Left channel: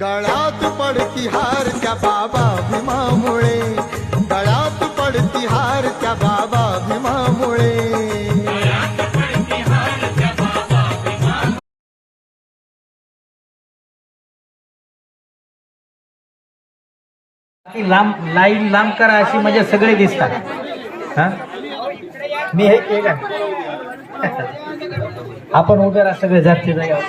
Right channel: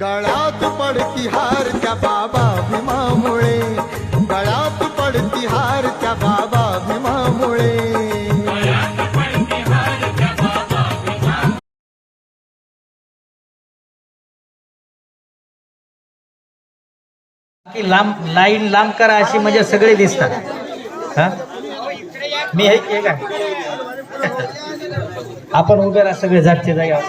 गळात पडती हार त्या बाबा भीमामुळे. गळात पडती हार त्या बाबा भीमामुळे. की लांब लाईन लांब करा अशी म्हणजे सगळे दिसतात. हा? मी हे आपण उभे राहा सगळे जागचे जागा.